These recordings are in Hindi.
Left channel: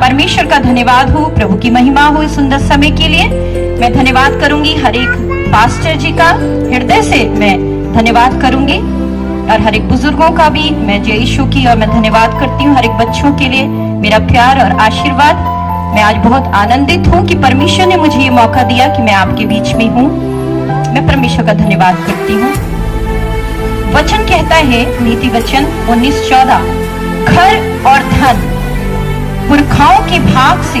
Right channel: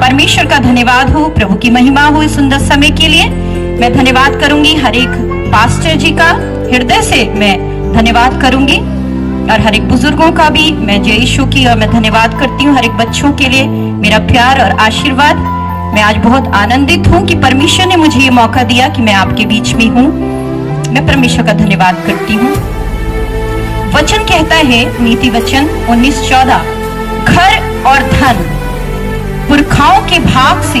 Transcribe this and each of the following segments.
परमेश्वर का धन्यवाद हो, प्रभु की महिमा हो इस सुंदर समय के लिए। मैं धन्यवाद करूंगी हर एक पास्टर जी का, हृदय से मैं धन्यवाद करूंगी, और हर एक बुजुर्गों का भी मैं जय यीशु की और मैं धन्यवाद करती हूँ। हर एक बच्चों के लिए मेरा प्यार और आशीर्वाद। मैं आज बहुत आनंदित हूँ कि परमेश्वर ने मुझे ये मौका दिया कि मैं आपके बीच में हूँ। मैं परमेश्वर का धन्यवाद करती हूँ। वचन कहता है, नीति वचन 19:14, घर और धन पुरखाओं के भाग से,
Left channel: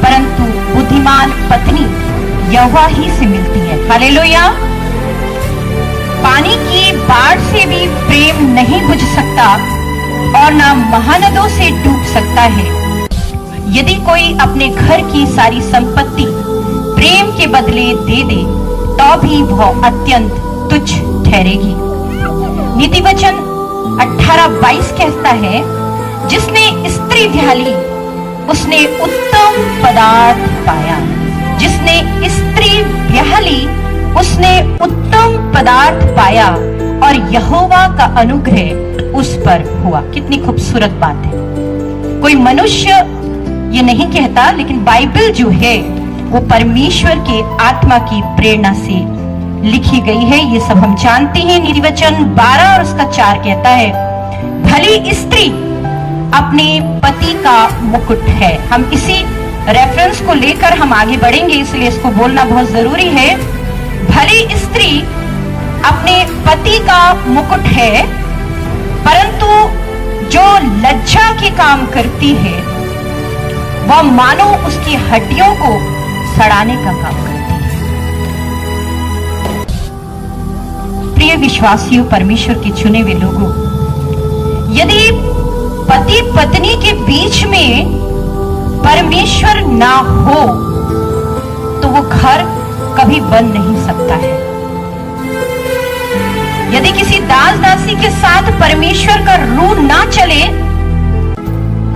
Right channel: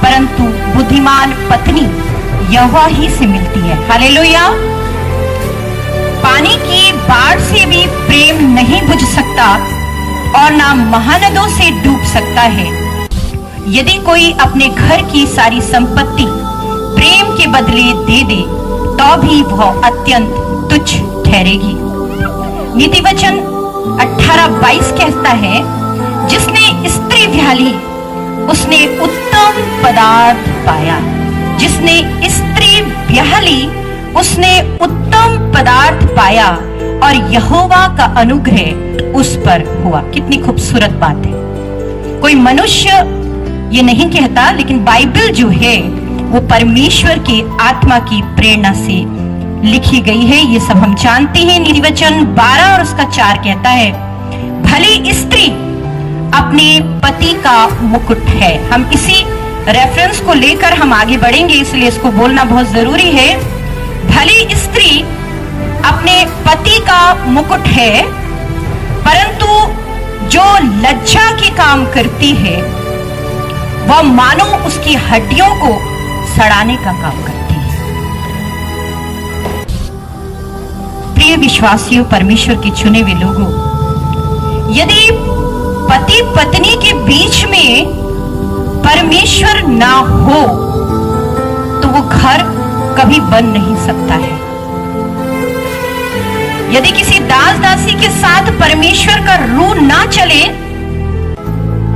परंतु बुद्धिमान पत्नी यहोवा ही से मिलती है। हालेलुया। पानी की बाढ़ से भी प्रेम नहीं बुझ सकता और ना महानदों से डूब सकता है। यदि कोई अपने घर की सारी संपत्ति प्रेम के बदले दे दे तो भी वह अत्यंत तुच्छ ठहरेगी। नीति वचन 18:22 कहता है, जिसने स्त्री व्याली उसने उत्तम पदार्थ पाया। जिसने स्त्री ब्याहली उसने उत्तम पदार्थ पाया और यहोवा का अनुग्रह उस पर हुआ। कितनी खूबसूरत बात है। कोई मनुष्य ये नहीं कहता, लेकिन बाइबल जो है वो परमेश्वर के आत्मा की प्रेरणा से लिखी गई है। ये सब हम जानते हैं। नीति वचन 12 और उसका 4 कहता है, भली स्त्री अपने पति का मुकुट है। हम इसी रेफरेंस को लेकर हम आगे बढ़ेंगे, इसलिए इसको बोलना बहुत जरूरी है। भली स्त्री अपने पति का मुकुट है, परंतु जो लज्जा के काम करती है वह मानो उसकी हड्डियों को सड़ाने का काम करती है। प्रिय विश्वासियों, परमेश्वर के चुने हुए लोगों, यदि पति पत्नी के बीच में परमेश्वर ना हो तो वो घर कभी बन नहीं सकता है। यदि किसी दास दासी के साथ परमेश्वर का रूह ना चले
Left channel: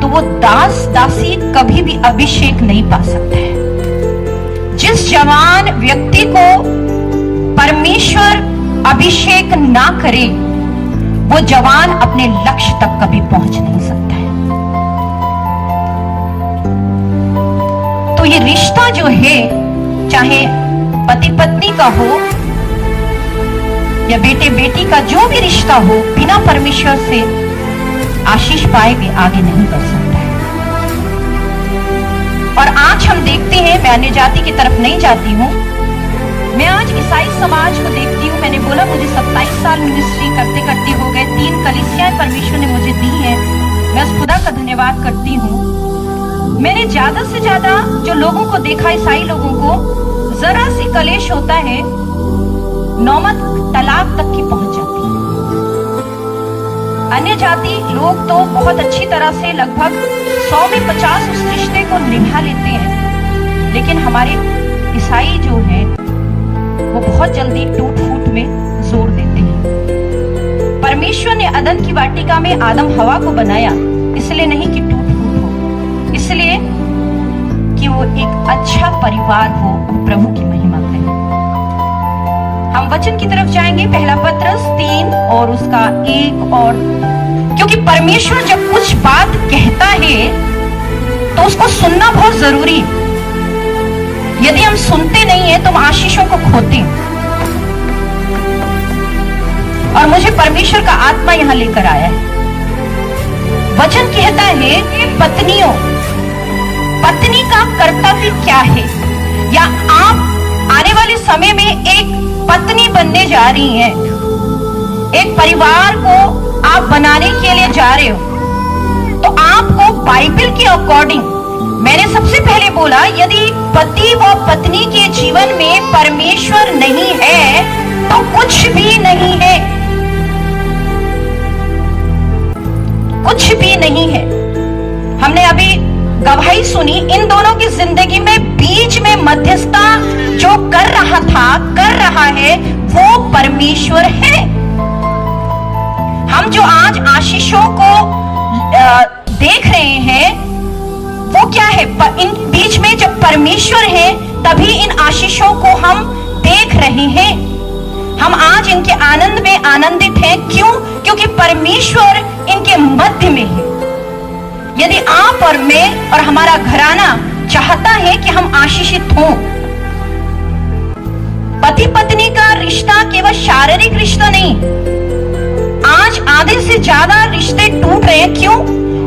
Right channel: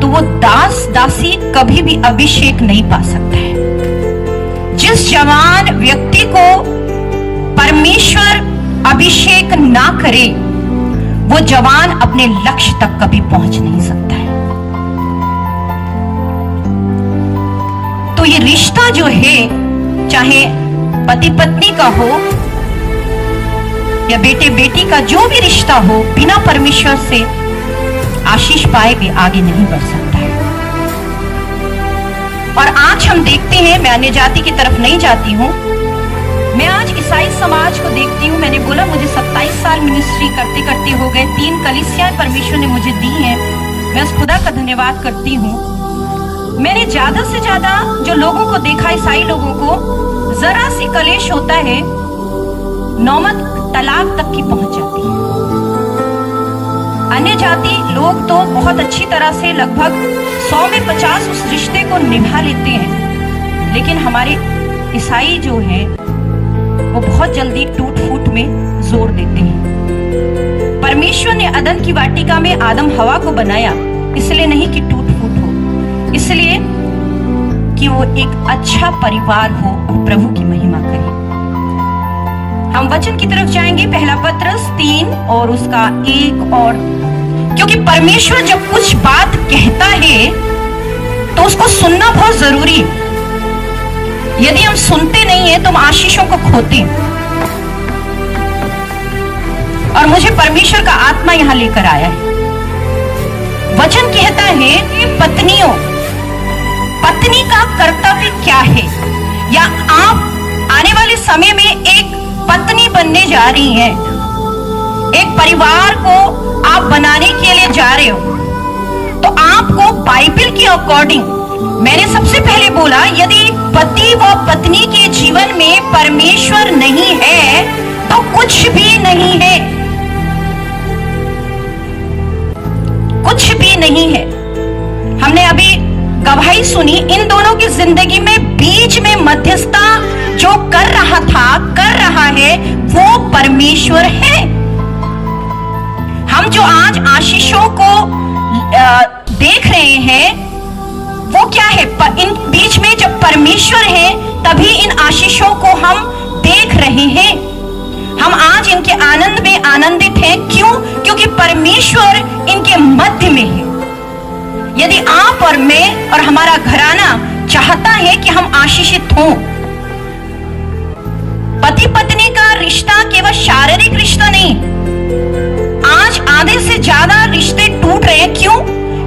तो वो दास दासी कभी भी अभिषेक नहीं पा सकता है। जिस जवान व्यक्ति को परमेश्वर अभिषेक ना करे वो जवान अपने लक्ष्य तक कभी पहुंच नहीं सकता है। तो ये रिश्ता जो है, चाहे पति पत्नी का हो या बेटे बेटी का, जो भी रिश्ता हो, बिना परमेश्वर से आशीष पाए भी आगे नहीं बढ़ सकता है। और आज हम देखते हैं, मैं अन्य जाति की तरफ नहीं जाती हूं, मैं आज ईसाई समाज को देखती हूँ। मैंने बोला मुझे 27 साल मिनिस्ट्री करते करते हो गए। 3 कलीसियाएं परमेश्वर ने मुझे दी हैं। मैं उस खुदा का धन्यवाद करती हूँ। मैंने ज्यादा से ज्यादा जो लोगों को देखा, ईसाई लोगों को, जरा सी कलेश होता है, नौमत तलाक तक की पहुंच जाती है। अन्य जाति लोग तो बहुत अच्छी तरह से लगभग 100 में 50 उस रिश्ते को निभा लेते हैं, लेकिन हमारे ईसाई जो है वो बहुत जल्दी टूट फूट में जोड़ देते हैं। परमेश्वर ने अदन की वाटिका में आदम हवा को बनाया इसलिए नहीं कि टूट फूट हो, इसलिए कि वो एक अच्छा परिवार हो और प्रभु की महिमा करे। हम वचन की तरफ जाएंगे, पहला पत्रस 3 और उसका 1 और, क्योंकि परमेश्वर जब कुछ बात कहता है तो उसको सुनना बहुत जरूरी है। यदि हम सुनते नहीं है तो हम आशीषों को खोते हैं। और मुझे परमेश्वर का आत्मा यहां लेकर आया है। वचन कहता है कि पत्नियों, पत्नी का कर्तव्य क्या है, या आप आने वाले समय में एक पत्नी बनने जा रही हैं, एक परिवार को आप बनाने के लिए जा रहे हो, तो आपको बाइबल के अकॉर्डिंग, मैंने सबसे पहले बोला, यदि पति व पत्नी के जीवन में परमेश्वर नहीं है तो कुछ भी नहीं है, कुछ भी नहीं है। हमने अभी गवाही सुनी, इन दोनों की जिंदगी में बीच में मध्यस्थता जो कर रहा था, कर रहा है, वो परमेश्वर है। हम जो आज आशीषों को देख रहे हैं वो क्या है? इन बीच में जब परमेश्वर है तभी इन आशीषों को हम देख रहे हैं। हम आज इनके आनंद में आनंदित हैं। क्यों? क्योंकि परमेश्वर इनके मध्य में है। यदि आप और मैं और हमारा घराना चाहता है कि हम आशीषित हों, पति पत्नी का रिश्ता केवल शारीरिक रिश्ता नहीं, आज आधे से ज्यादा रिश्ते टूट रहे हैं। क्यों?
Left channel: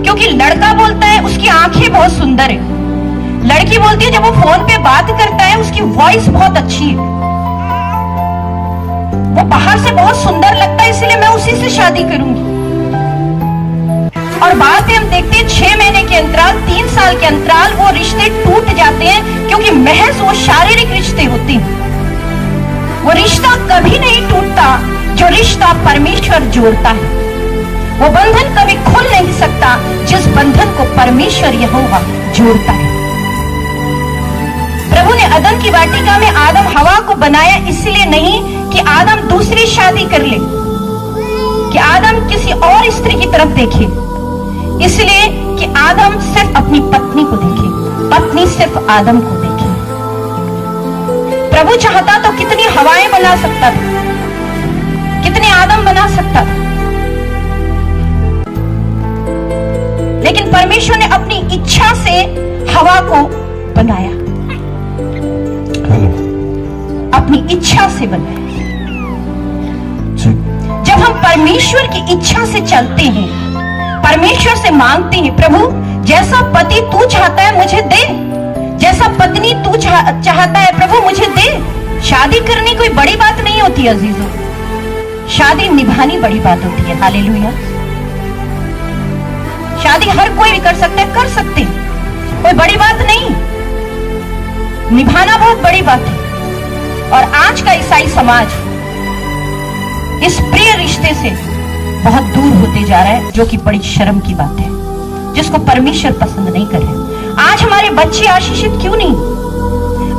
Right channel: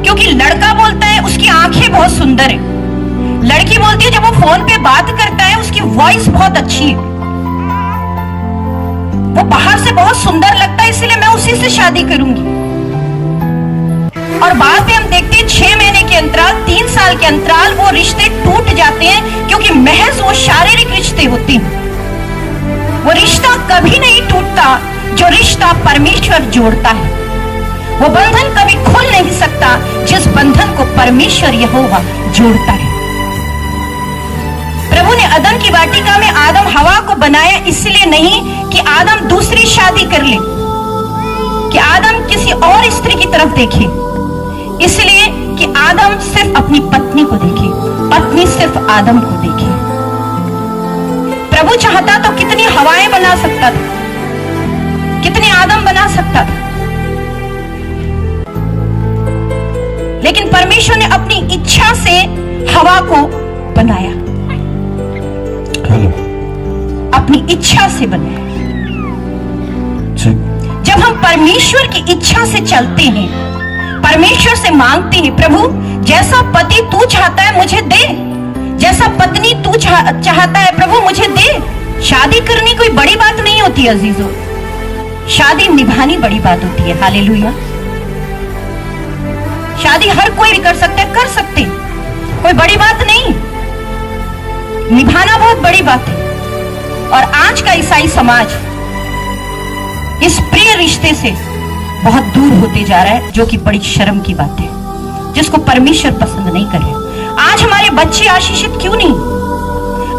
क्योंकि लड़का बोलता है उसकी आंखें बहुत सुंदर है, लड़की बोलती है जब वो फोन पे बात करता है उसकी वॉइस बहुत अच्छी है, वो बाहर से बहुत सुंदर लगता है, इसलिए मैं उसी से शादी करूंगी। और बात है हम देखते हैं 6 महीने के अंतराल, 3 साल के अंतराल वो रिश्ते टूट जाते हैं, क्योंकि महज वो शारीरिक रिश्ते होते हैं। वो रिश्ता कभी नहीं टूटता जो रिश्ता परमेश्वर जोड़ता है। वो बंधन कभी खुल नहीं सकता जिस बंधन को परमेश्वर यहोवा जोड़ता है। प्रभु ने अदम की वाटिका में आदम हवा को बनाया इसलिए नहीं कि आदम दूसरी शादी कर ले, कि आदम किसी और स्त्री की तरफ देखे, इसलिए कि आदम सिर्फ अपनी पत्नी को देखे, पत्नी सिर्फ आदम को देखे। प्रभु चाहता तो कितनी हवाएं बना सकता था, कितने आदम बना सकता था, लेकिन परमेश्वर ने अपनी इच्छा से हवा को बनाया, अपनी इच्छा से बनाया। जब हम परमेश्वर की इच्छा से चलते हैं, परमेश्वर से मांगते हैं, प्रभु जैसा पति तू चाहता है मुझे दे, जैसा पत्नी तू चाहता है प्रभु मुझे दे। शादी करनी कोई बड़ी बात नहीं होती अजीजों, शादी निभानी बड़ी बात होती है। हालेलुया। शादी हर कोई भी कर सकता है, कर सकते, कोई बड़ी बात नहीं, निभाना बहुत बड़ी बात है। और आज का ईसाई समाज इस प्रिय रिश्ते से बहुत दूर होते जा रहा है, जो कि बड़ी शर्म की बात है, जिसको परमेश्वर पसंद नहीं करे। आज हमारे बच्चे आशीषित क्यों नहीं?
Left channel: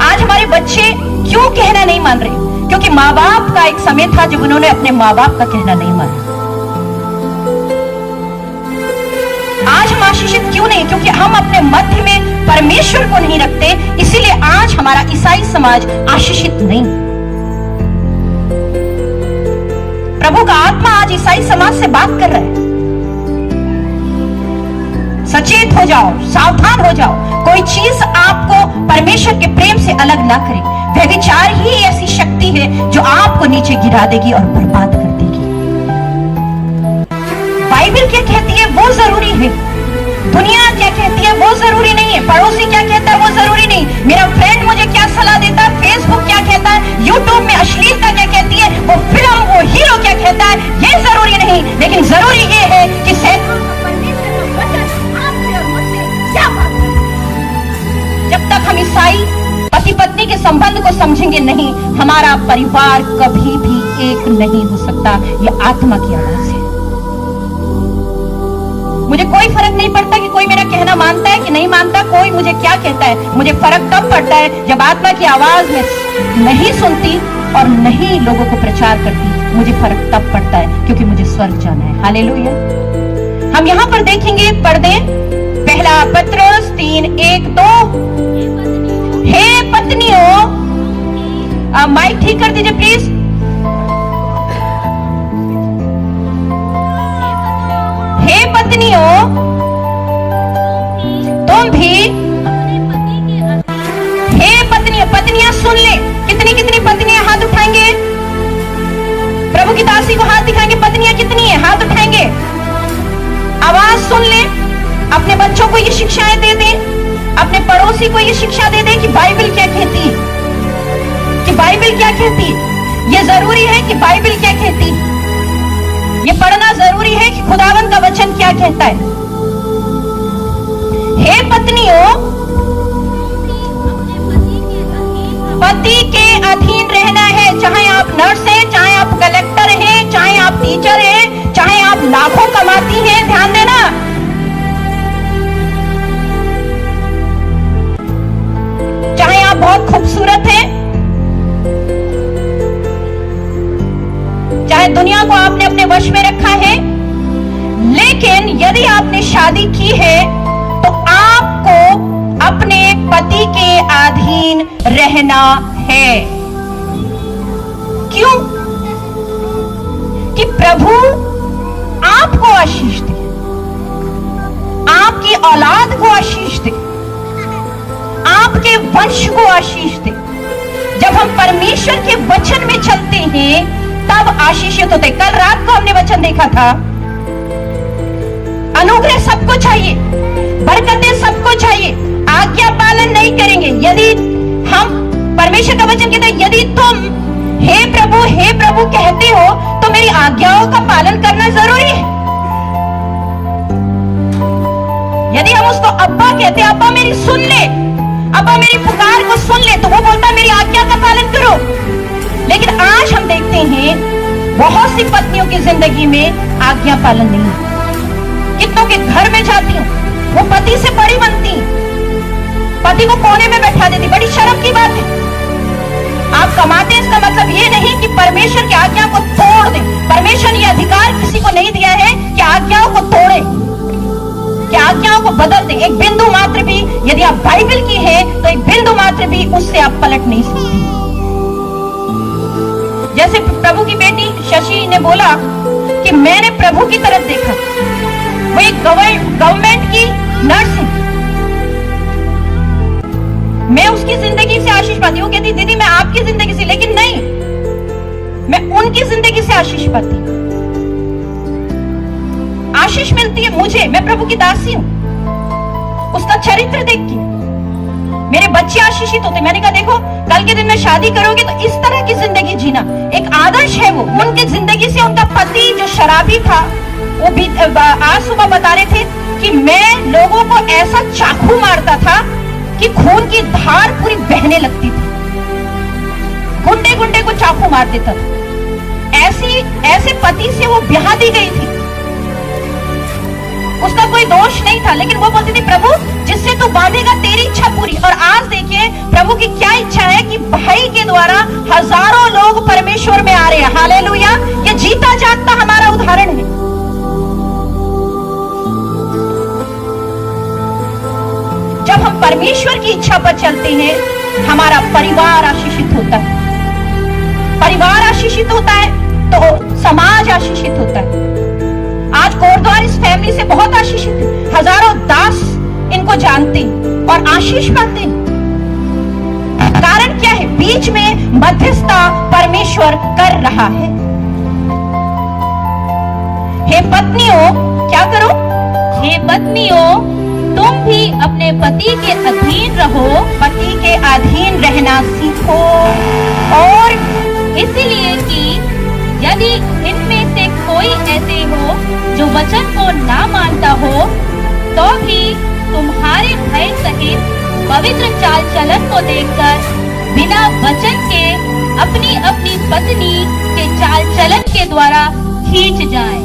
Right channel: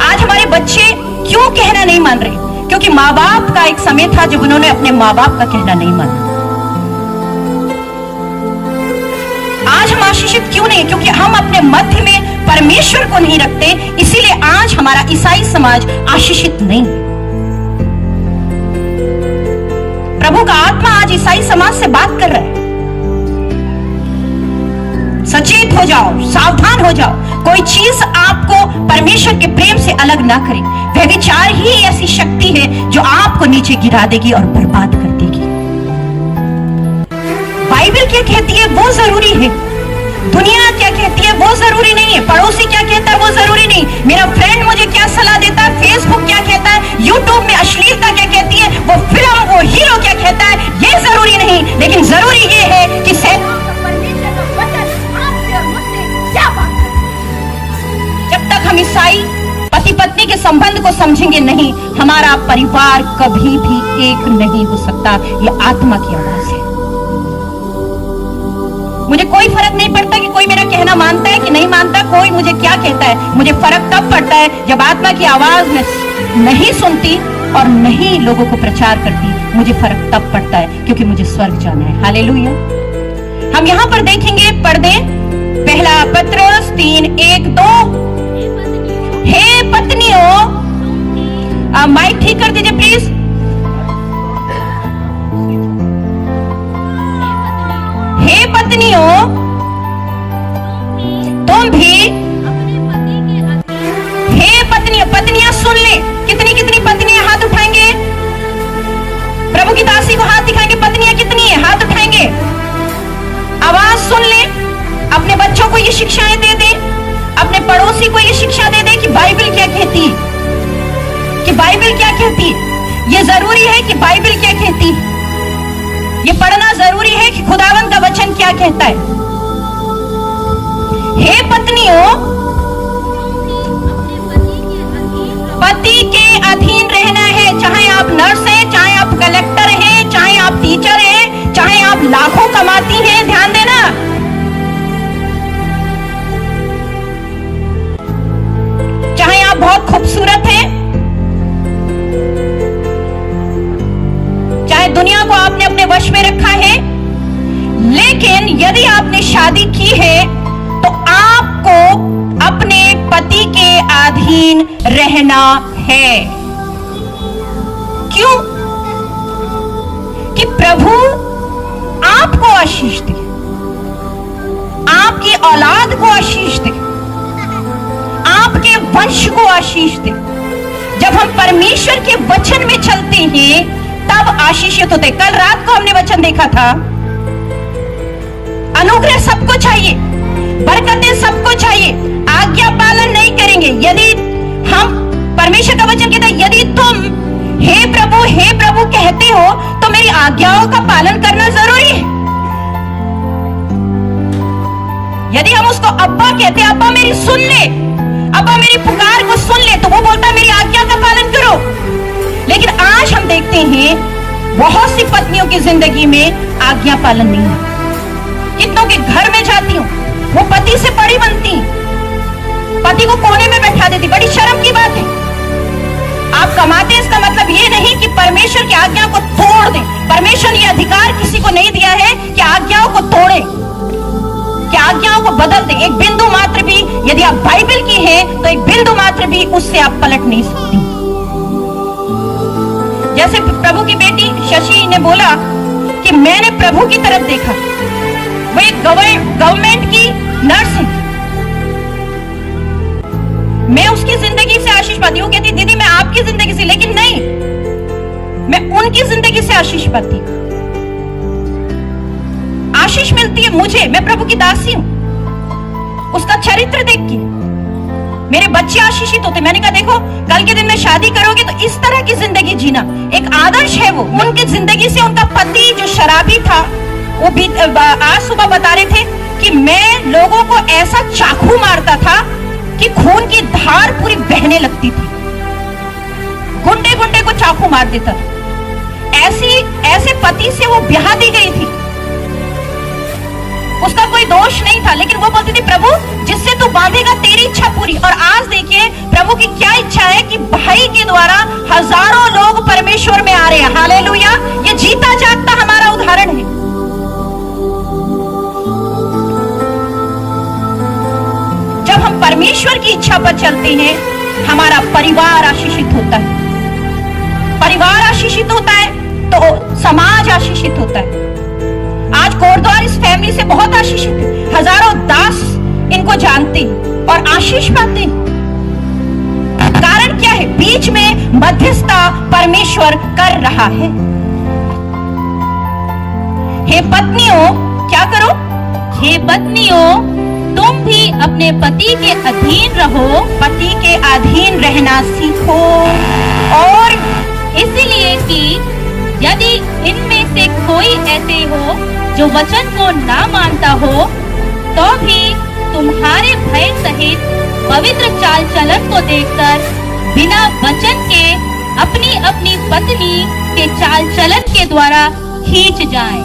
आज हमारे बच्चे क्यों कहना नहीं मान रहे? क्योंकि माँ बाप का एक समय था जब उन्होंने अपने माँ बाप का कहना नहीं माना। आज हम आशीषित क्यों नहीं? क्योंकि हम अपने मध्य में परमेश्वर को नहीं रखते, इसीलिए आज हमारा ईसाई समाज आशीषित नहीं। प्रभु का आत्मा आज ईसाई समाज से बात कर रहा है, सचेत हो जाओ, सावधान हो जाओ, कोई चीज आपको परमेश्वर के प्रेम से अलग ना करे। व्यभिचार ही ऐसी शक्ति है जो आपको नीचे गिरा देगी और बर्बाद कर देगी। बाइबल क्या कहती है वो जरूरी है, दुनिया क्या कहती है वो जरूरी नहीं है, पड़ोसी क्या कहता है वो जरूरी नहीं, मेरा फ्रेंड मुझे क्या सलाह देता है, फेसबुक क्या कहता है, यूट्यूब में अश्लीलता क्या कहती है, वो फिल्म वो हीरो क्या कहता है, ये जरूरी नहीं। लेकिन जरूरी ये है कि परमेश्वर का वचन आपसे और मुझसे क्या बात करता है। जब तक हम ईसाई पति पत्नी के संबंध को समझेंगे नहीं, हमारा परिवार कभी भी एक नहीं हो सकता। ये आत्मा की आवाज है। मुझे कोई फर्क नहीं पड़ता कि कोई मेरा कहना मानता है कि नहीं मानता, कोई मुझे क्या कहता है। मुझे फर्क तब पड़ता है जब आत्मा की आवाज में नहीं सुनती और नहीं लोगों को प्रचार करती, मुझे फर्क तब पड़ता है, क्योंकि मुझे स्वर्ग जाना है। हालेलुया। हम यहाँ पर देखेंगे पर्दे, पहला पत्रोस 3:1-2। हे पत्नियों, माइक ठीक कर दीजिए प्लीज। हे पत्नियों, तुम भी अपने पति के अधीन। हे पत्नियों, पत्नियां सुन ले, कितनी कितनी पत्नियां हाथ उठाएंगे, प्रभु की दासी को हाथ दिखाएंगे, पत्नियां कितनी है हाथ उठाएंगे। आवाज सुन ले, अपने बच्चों को ये शिक्षाएं दे दे, अपने पड़ोसी को ये शिक्षा दे दे कि बाइबल क्या कहती है, कि बाइबल क्या कहती है। ये जरूरी है कि बाइबल क्या कहती है, ये पढ़ना जरूरी है कि खुदावंद का वचन क्या कहता है। हे पत्नियों, पति के अधीन रहना है, चाहे आप नर्स हैं, चाहे आप कलेक्टर हैं, चाहे आप टीचर हैं, चाहे आप लाखों कमाती हैं। ध्यान देना, चाहे आप बहुत खूबसूरत हैं, चाहे दुनिया को आपने अपने वश में रखा है, लेकिन यदि आपने शादी की है तो आपको अपने पति के अधीन रहना है। क्यों? कि प्रभु आपको आशीष दे, आपकी औलाद को आशीष दे, आपके वंश को आशीष दे। जब हम परमेश्वर के वचन में चलते हैं तब आशीषित होते। कल रात को हमने वचन देखा था, अनुग्रह सबको चाहिए, बरकतें सबको चाहिए, आज्ञा पालन नहीं करेंगे। यदि हम परमेश्वर का वचन कहता है, यदि तुम हे प्रभु कहते हो तो मेरी आज्ञाओं का पालन करना जरूरी है। यदि हम उसको अब्बा कहते हैं, अब्बा मेरी सुन ले, अब्बा मेरी पुकार को सुन ले, तो वो बोलता है मेरी आज्ञा का पालन करो। लेकिन आज हम देखते हैं बहुत सी पत्नियों की जिंदगी में आज्ञा पालन नहीं है। कितनों के घर में जाती हूं, वो पति से बड़ी बनती, पति को कोने में बैठा देती। बड़ी शर्म की बात है। आप कमाते, इसका मतलब ये नहीं कि परमेश्वर की आज्ञा को तोड़ दें। परमेश्वर ने अधिकार किसी को नहीं दिया है कि आज्ञाओं को तोड़े, कि आज्ञाओं को बदल दें। एक बिंदु मात्र भी, यदि आप बाइबल की हैं तो एक बिंदु मात्र भी उससे आप पलट नहीं सकती। जैसे प्रभु की बेटी शशि ने बोला कि मैंने प्रभु की तरफ देखा, वो एक गवर्नमेंट की नर्स है, मैं उसकी जिंदगी से आशीष पाती हूँ। कहती दीदी मैं आपकी जिंदगी से, लेकिन नहीं, मैं उनकी जिंदगी से आशीष पाती हूँ। आशीष मिलती है मुझे, मैं प्रभु की दासी हूं। उसका चरित्र देख के मेरे बच्चे आशीषित होते। मैंने कहा देखो, कल के दिन में शादी करोगे तो इस तरह की जिंदगी जीना, एक आदर्श है वो। उनकी जिंदगी से उनका पति जो शराबी था, वो भी आज सुबह बता रहे थे कि मैं लोगों को ऐसा चाकू मारता था कि खून की धार पूरी बहने लगती थी, गुंडे गुंडे को चाकू मार देता था। ऐसे पति से वो ब्याह दी गई थी। उसका कोई दोष नहीं था, लेकिन वो बोलती थी प्रभु जिससे तू बांधेगा तेरी इच्छा पूरी। और आज देखिए प्रभु की क्या इच्छा है कि भाई के द्वारा हजारों लोग परमेश्वर में आ रहे हैं। हालेलुया! ये जीता जागता हमारा उदाहरण है। जब हम परमेश्वर की इच्छा पर चलते हैं, हमारा परिवार आशीषित होता है। परिवार आशीषित होता है तो समाज आशीषित होता है। आज कोरद्वार इस फैमिली से बहुत आशीषित है। हजारों दास इनको जानते और आशीष पाते हैं। कारण क्या है? बीच में मध्यस्थता परमेश्वर कर रहा है। हे पत्नियों, क्या करो? हे पत्नियों, तुम भी अपने पति के अधीन रहो। पति के अधीन रहना सीखो। और इसलिए कि यदि इनमें से कोई ऐसे हो जो वचन को ना मानता हो, तो भी तुम्हारे भय सहित पवित्र चाल चलन को देखकर बिना वचन के अपनी अपनी पत्नी के चाल चलन के द्वारा खींच जाएं।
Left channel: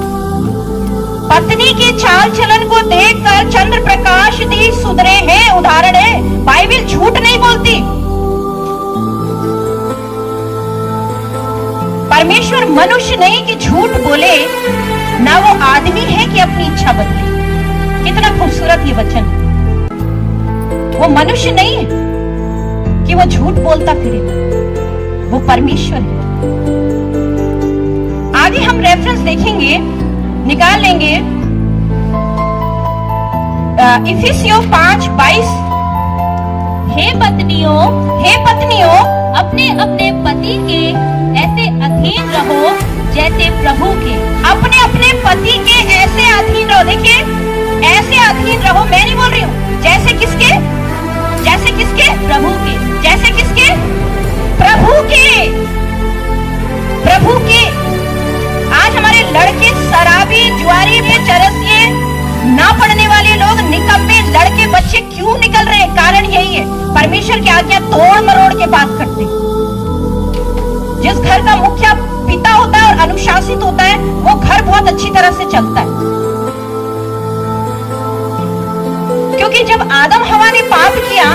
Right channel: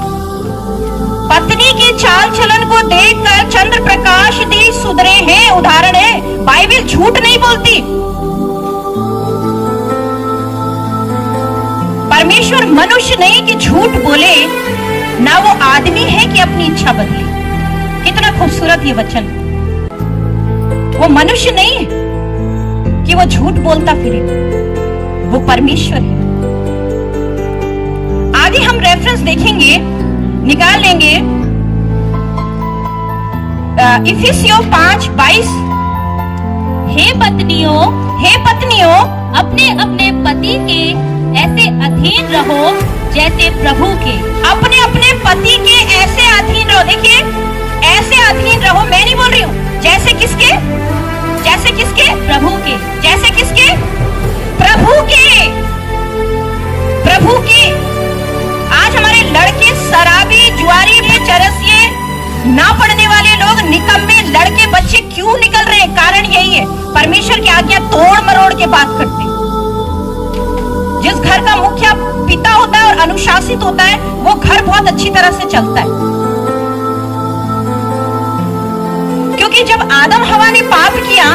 पत्नी के चाल चलन को देखकर चंद्र प्रकाश दी सुधरे हैं, उदाहरण है। बाइबल झूठ नहीं बोलती। परमेश्वर मनुष्य नहीं कि झूठ बोले, ना वो आदमी है कि अपनी इच्छा बदले। कितना खूबसूरत ये वचन। वो मनुष्य नहीं है कि वो झूठ बोलता फिरे, वो परमेश्वर है। आगे हम रेफरेंस देखेंगे, निकाल लेंगे। इफिसियों 5:22। हे पत्नियों, अपने अपने पति के ऐसे अधीन रहो जैसे प्रभु के। अपने अपने पति के ऐसे अधीन रहो। देखिए, ऐसे अधीन रहो, मैं नहीं बोल रही हूं। जैसे किसके? जैसे किसके? प्रभु के। जैसे किसके? प्रभु के। प्रभु के। आज हमारे लड़के शराबी, जुआरी में चरसिए, ना पढ़ने वाले लोग, निकम्मे लड़के बच्चे क्यों निकल रहे हैं? कारण यही है, परमेश्वर की आज्ञा तोड़ मरोड़ के बात करते हैं। जिस घर का मुखिया पिता होता है और अनुशासित होता है, वो घर बहुत अच्छी तरह से चलता है। क्योंकि जब आदम हवा ने पाप किया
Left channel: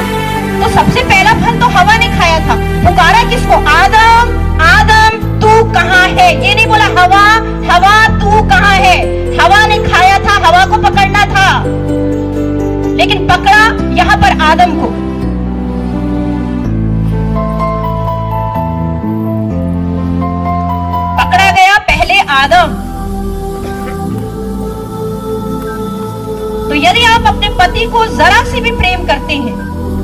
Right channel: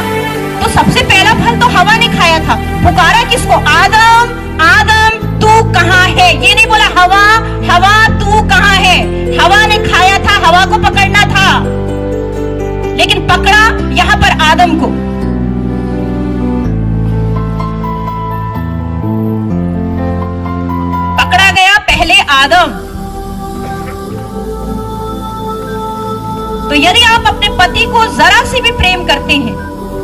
तो सबसे पहला फल तो हवा ने खाया था। पुकारा किसको? आदम, आदम तू कहाँ है? ये नहीं बोला हवा, हवा तू कहाँ है। हवा ने खाया था, हवा को पकड़ना था, लेकिन पकड़ा यहां पर आदम को। पति को जरा से भी प्रेम करते हैं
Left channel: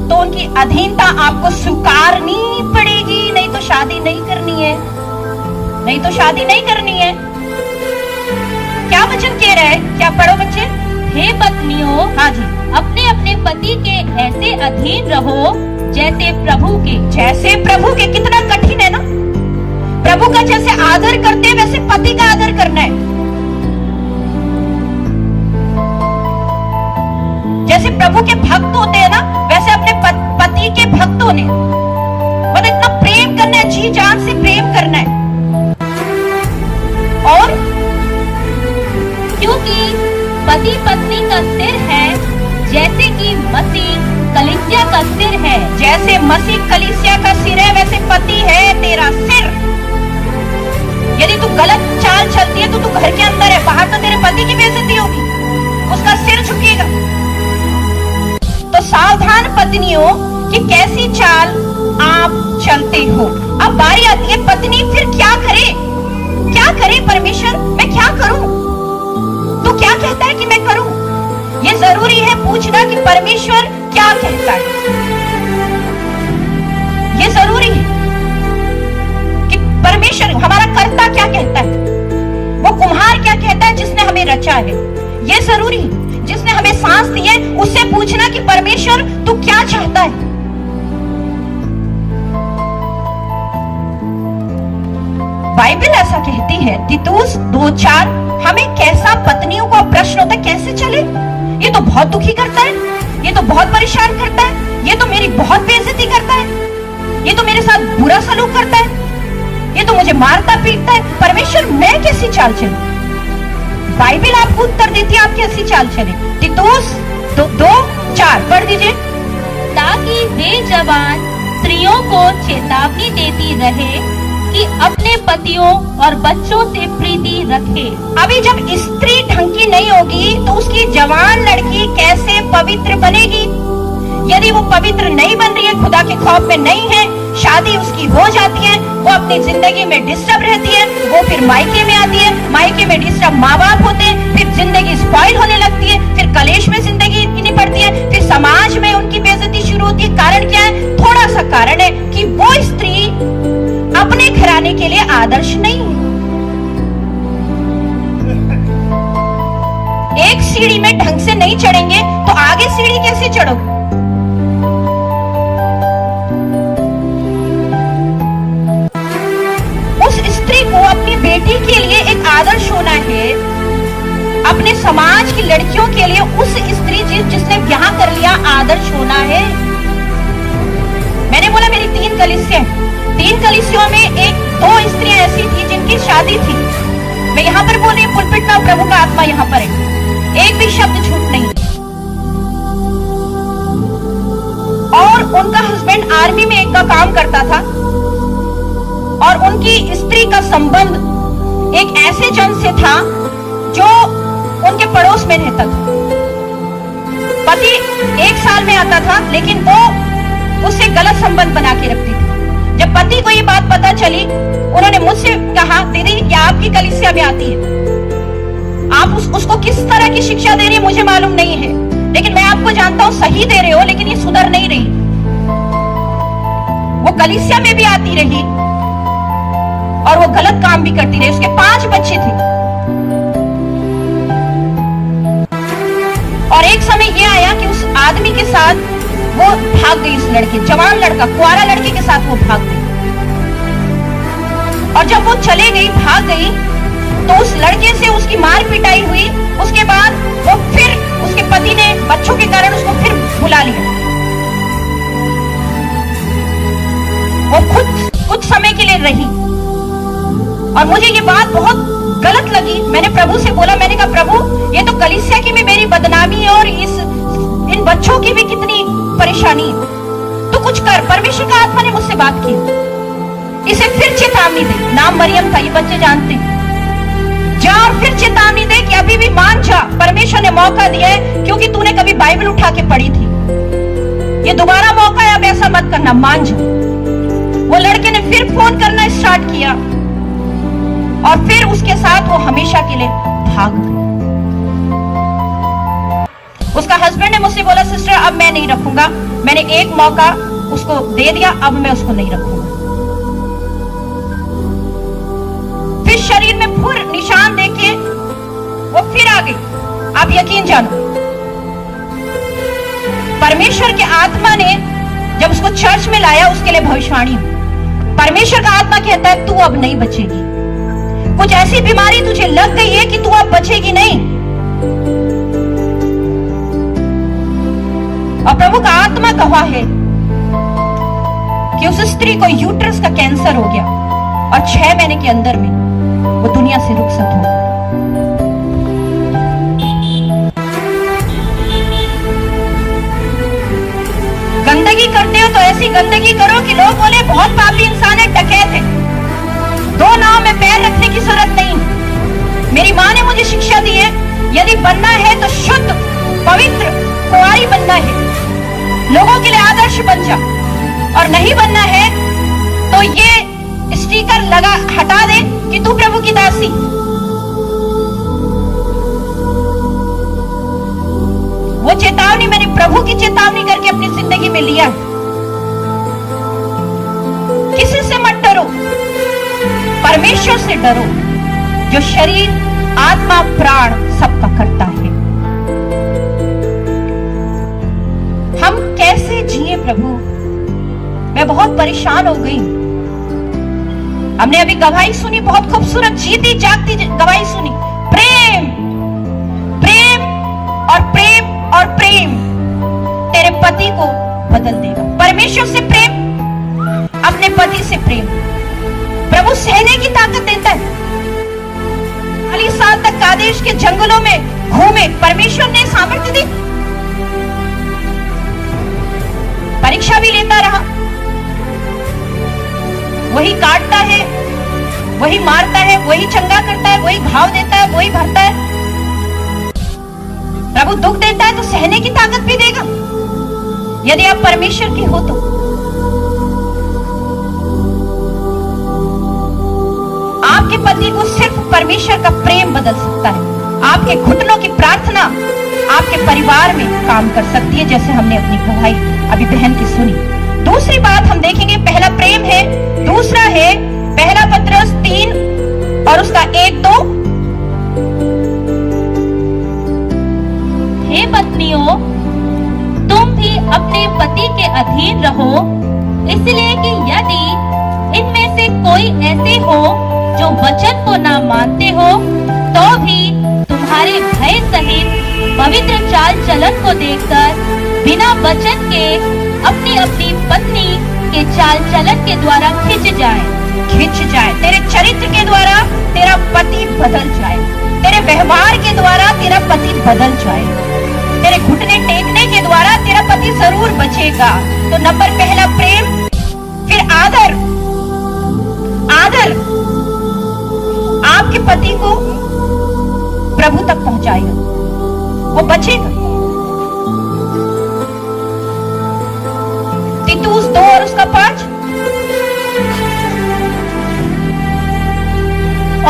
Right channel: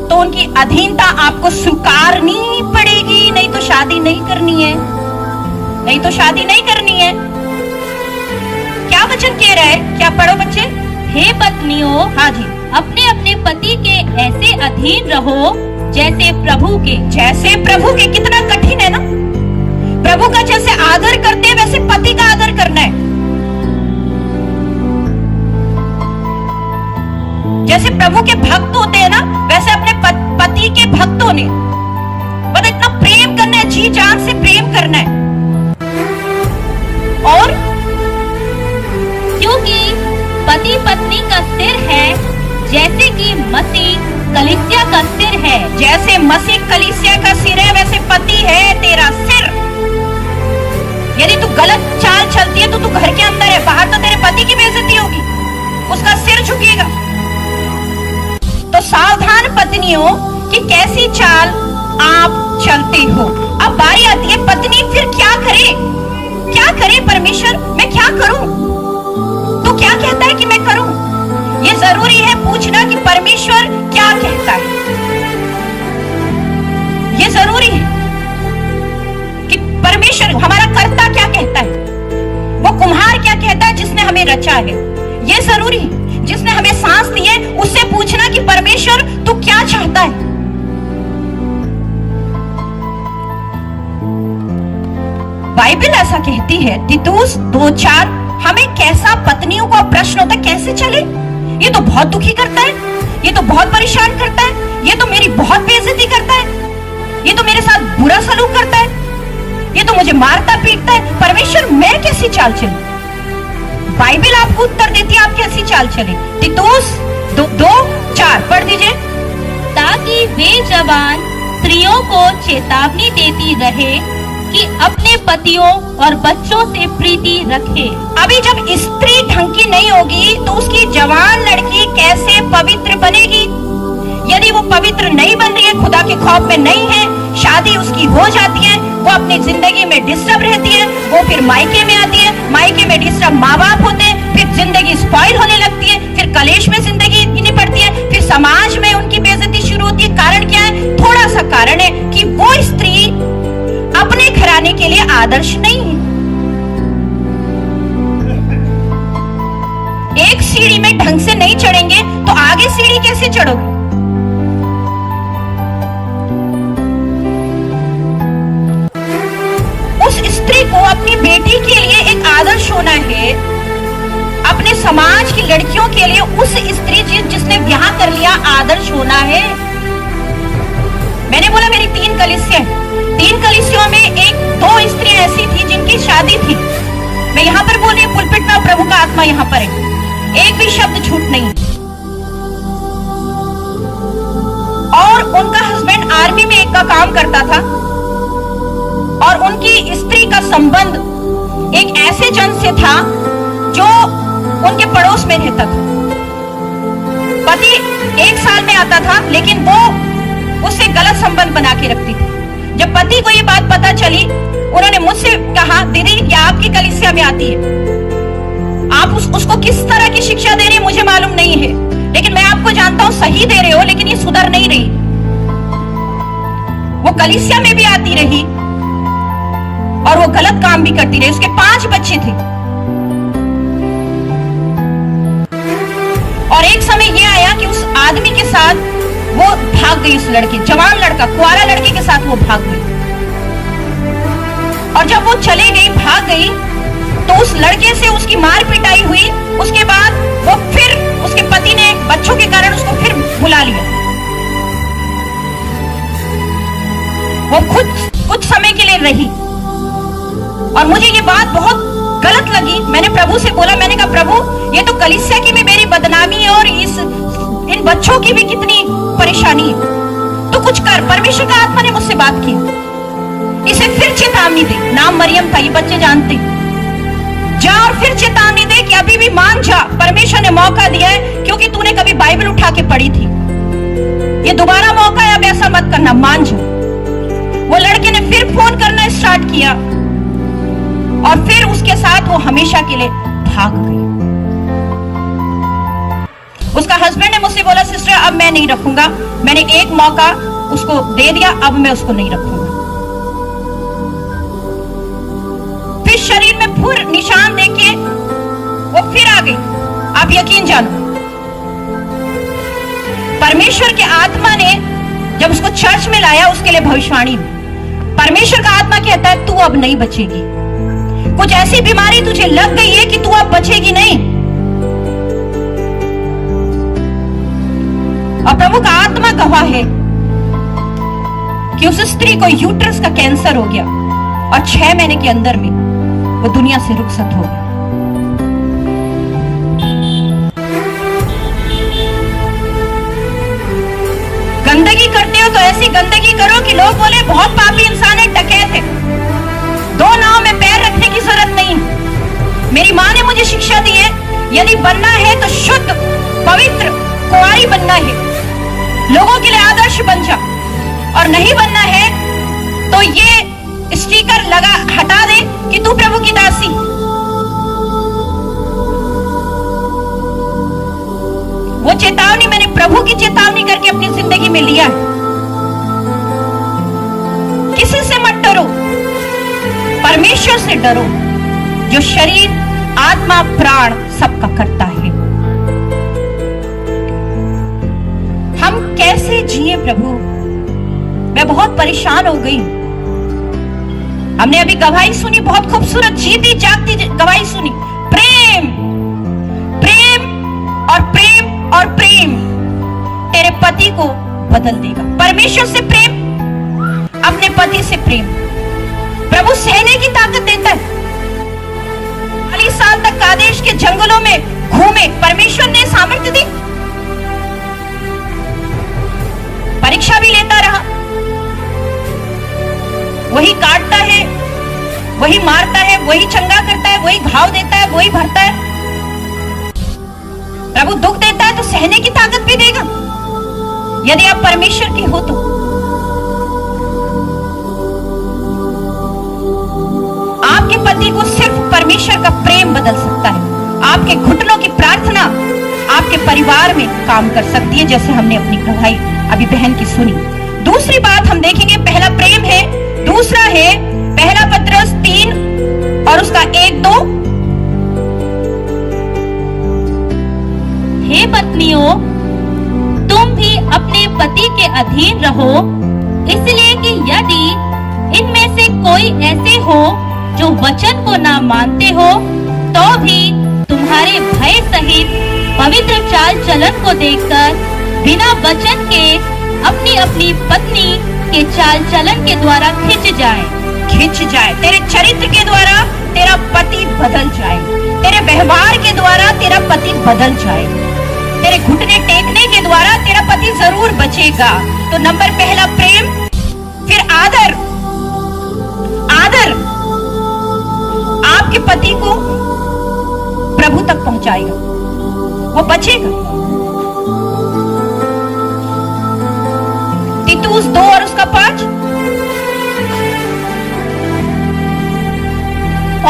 तो उनकी अधीनता आपको स्वीकारनी पड़ेगी, नहीं तो शादी नहीं करनी है, नहीं तो शादी नहीं करनी है। क्या वचन कह रहा है? क्या पढ़ो बच्चे? हे पत्नियों, हाँ जी, अपने अपने पति के ऐसे अधीन रहो जैसे प्रभु के। जैसे प्रभु के। कितना कठिन है ना। प्रभु का जैसे आदर करते हैं वैसे पति का आदर करना है। जैसे प्रभु के भक्त होते हैं ना वैसे अपने पति के भक्त होने, मतलब इतना प्रेम करना है, जी जान से प्रेम करना है। और क्योंकि पति पत्नी का सिर है, जैसे कि मसीह कलीसिया का सिर है। जैसे मसीह कलीसिया का सिर है वैसे पति है तेरा सिर। यदि तू गलत चाल चलती है तो तू घर के अंदर है, बाहर तो तेरे पति की बेइज्जती होगी, उसका सिर झुकेगा। तो सावधान पत्नियों कि कैसी चाल आप चलते हो। अब बारी आती है पत्नी फिर क्या करे? क्या करे परमेश्वर? मैं क्या करूं? तू क्या कहता है कि मैं करूं? ये जरूरी है पूछना कि परमेश्वर क्या कहता है। ये जरूरी है कि परमेश्वर हमारा कर्ता क्या कहता है, वो कुम्हार क्या कहता है जिसने हमें रचा है। ये जरूरी है, जिसने हमें सांस दी है उससे पूछना कि परमेश्वर तू क्या चाहता है। बाइबल ऐसा कहती है तीतुस 2:4, हमें कैसा पत्नियों का प्रश्न होता है, कैसे चले? ये तो बहुत दुखी करता है, ये तो बहुत परेशान करता है, ये तो मेरी बहुत बेइज्जती करता है, ये तो मेरे साथ बुरा सलूक करता है, ये तो मुझे मारता पीटता है। परमेश्वर मैं कैसी चाल चलूं? बाइबल आपको उत्तर देती है आप कैसी चाल चले। तीतुस 2:4 पढ़ दीजिए। ताकि वे जवान स्त्रियों को चेतावनी देती रहे कि अपने पतियों और बच्चों से प्रीति रखे। अभी जब स्त्री ढंग की नहीं होगी तो उसकी जवान लड़की कैसे पवित्र बनेगी? यदि वो पवित्र नहीं बन रही है, खुदा के खौफ में नहीं है, शादी उसकी हो जाती है, वो अपनी जिंदगी में डिस्टर्ब रहती है, वो फिर मायके में आती है, मायके में डिस्टर्ब माँ बाप होते हैं, फिर जिंदगी स्पॉइल होने लगती है, फिर कलेश में जिंदगी निपटती है, फिर समाज में उनकी बेइज्जती शुरू होती है। कारण क्या है? थोड़ा सा कारण है कि वो स्त्री अपने घराने के लिए आदर्श नहीं है। एक सीढ़ी में ढंग से नहीं चढ़ेंगे तो आगे सीढ़ी कैसे चढ़ोगे? उस स्त्री को अपनी बेटी के लिए एक आदर्श होना है, अपने समाज की लड़कियों के लिए उस स्त्री जिसने ब्याह कर लिया आदर्श होना है। मैंने बोला मेरी 3 कलीसियों में 2 स्त्रियां ऐसी थी जिनकी शादी थी। मैं यहाँ पर बोले पुलपिट ना, प्रभु का आत्मा यहाँ पर है, एक भी शब्द झूठ नहीं। और उनका हस्बैंड आर्मी में एक का काम करता था और उनकी स्त्री का संबंध एक ऐसे जन से था जो उनके पड़ोस में रहता था। पति 1 साल में आता था लेकिन वो उससे गलत संबंध बना के रखती थी। जब पति को ये बात पता चली, उन्होंने मुझसे कहा दीदी ये आपकी कलीसिया में आती है, आप उसको किस तरह की शिक्षा दे रही है मुझे मालूम नहीं है, लेकिन मैं आपको जानता हूं सही दे रहे हो, लेकिन ये सुधर नहीं रही। वो कलीसिया में भी आती रही और वो गलत काम भी करती रही। उसके 5 बच्चे थे और एक समय ये आया कि उस आदमी के साथ वो भाग गई, उस लड़के, जवान लड़का, कुआरा लड़के के साथ वो भाग गई। और जब वो चले गई, भाग गई, तो उस लड़के से उसकी मार पिटाई हुई। उसके बाद वो फिर उसके पति ने बच्चों के कारण उसको फिर बुला लिया। वो खुद कुछ समय के लिए रही और मुझे ये बात बहुत गलत लगी। मैंने प्रभु से बोला, मैंने कहा प्रभु ये तो कलीसिया की भी मेरी बदनामी है और इन बच्चों की भी कितनी परेशानी है, तो कुछ कर। परमेश्वर का आत्मा ने मुझसे बात की, इसे फिर चेतावनी दी। नाम मरियम था, ये बच्चे जानते। जा और फिर चेतावनी दे कि अभी भी मान जा, परमेश्वर ने मौका दिया है, क्योंकि तूने कभी बाइबल उठा के पढ़ी थी, ये दोबारा मौका है, अब ऐसा मत करना, मान जा। वो लड़के ने फिर फोन करना स्टार्ट किया और फिर उसके साथ वो हमेशा के लिए भाग गई। उसका हस्बैंड ने मुझसे बोला सिस्टर अब मैं नहीं रखूंगा, मैंने एक मौका उसको दे दिया, अब मैं उसको नहीं रखूंगा। फिर शरीर में फिर निशान देके वो फिर आ गई। आप यकीन जानो, परमेश्वर के आत्मा ने जब उसको चर्च में लाया, उसके लिए भविष्यवाणी, परमेश्वर का आत्मा कहता है तू अब नहीं बचेगी, कुछ ऐसी बीमारी तुझे लग गई है कि तू अब बचेगी नहीं। और प्रभु का आत्मा गवाह है कि उस स्त्री को यूट्रस का कैंसर हो गया और 6 महीने के अंदर में वो दुनिया से रुखसत हो गई। गंदगी करते हो तो ऐसी गंदगी करो कि लोग बोले बहुत पापी इंसान है, डकैत है। 2 नाव में पैर रखने की जरूरत नहीं। मेरी माँ ने मुझे शिक्षा दी है, यदि बनना है तो शुद्ध पवित्र कुंवारी बनना है, लोगों के लिए आदर्श बन जा, और नहीं बनना है तो ये स्टिकर लगा हटा दे कि तू प्रभु की दासी। वो चेतावनी मैंने प्रभु की चेतावनी करके अपनी जिंदगी में लिया है। किसी से मत डरो, परमेश्वर से डरो जो शरीर आत्मा प्राण सबका करता है। हम कैसे जिए प्रभु, मैं बहुत परेशान हो गई। हमने अभी गवाही सुनी, बहुत खूबसूरत जीती जागती गवाही सुनी। प्रेम प्रेम और प्रेम और प्रेम तेरे पति को बदल देगा। परमेश्वर से प्रेम, अपने पति से प्रेम। प्रभु सहने की ताकत देता है। 40 साल तक कादेश के जंगलों में घूमे, परमेश्वर ने सामर्थ्य दी। परीक्षा भी लेता रहा, वही काटता है, वही मारता है, वही चंगा करता है, वही घाव देता है, वही भरता है। प्रभु दुख देता है तो सहने की ताकत भी देगा, यदि आप परमेश्वर के हो तो। आपके पति को सिर्फ परमेश्वर का प्रेम बदल सकता है। आपके घुटनों की प्रार्थना आपके परिवार में काम कर सकती है, जैसे हमने अपनी गवाही अभी बहन की सुनी। दूसरी बात हम देखेंगे, पहला प्रेम है, दूसरा है पहला पत्रस 3 और उसका 1-2। हे पत्नियों, तुम भी अपने पति के अधीन रहो, इसलिए कि यदि इनमें से कोई ऐसे हो जो वचन को ना मानते हो, तो भी तुम्हारे भय सहित पवित्र चाल चलन को देखकर बिना वचन के अपनी अपनी पत्नी के चाल चलन के द्वारा खिंच जाए। तेरे चरित्र के द्वारा तेरा पति बदल जाए, तेरे व्यवहार के द्वारा तेरा पति बदल जाए, तेरे घुटने टेकने के द्वारा तेरा पति जरूर बचेगा। तो नंबर पहला प्रेम, फिर आदर। आदर आपके पति को प्रभु तक पहुंचाएगा, वो बचेगा। तीतुस 2 और उसका 5।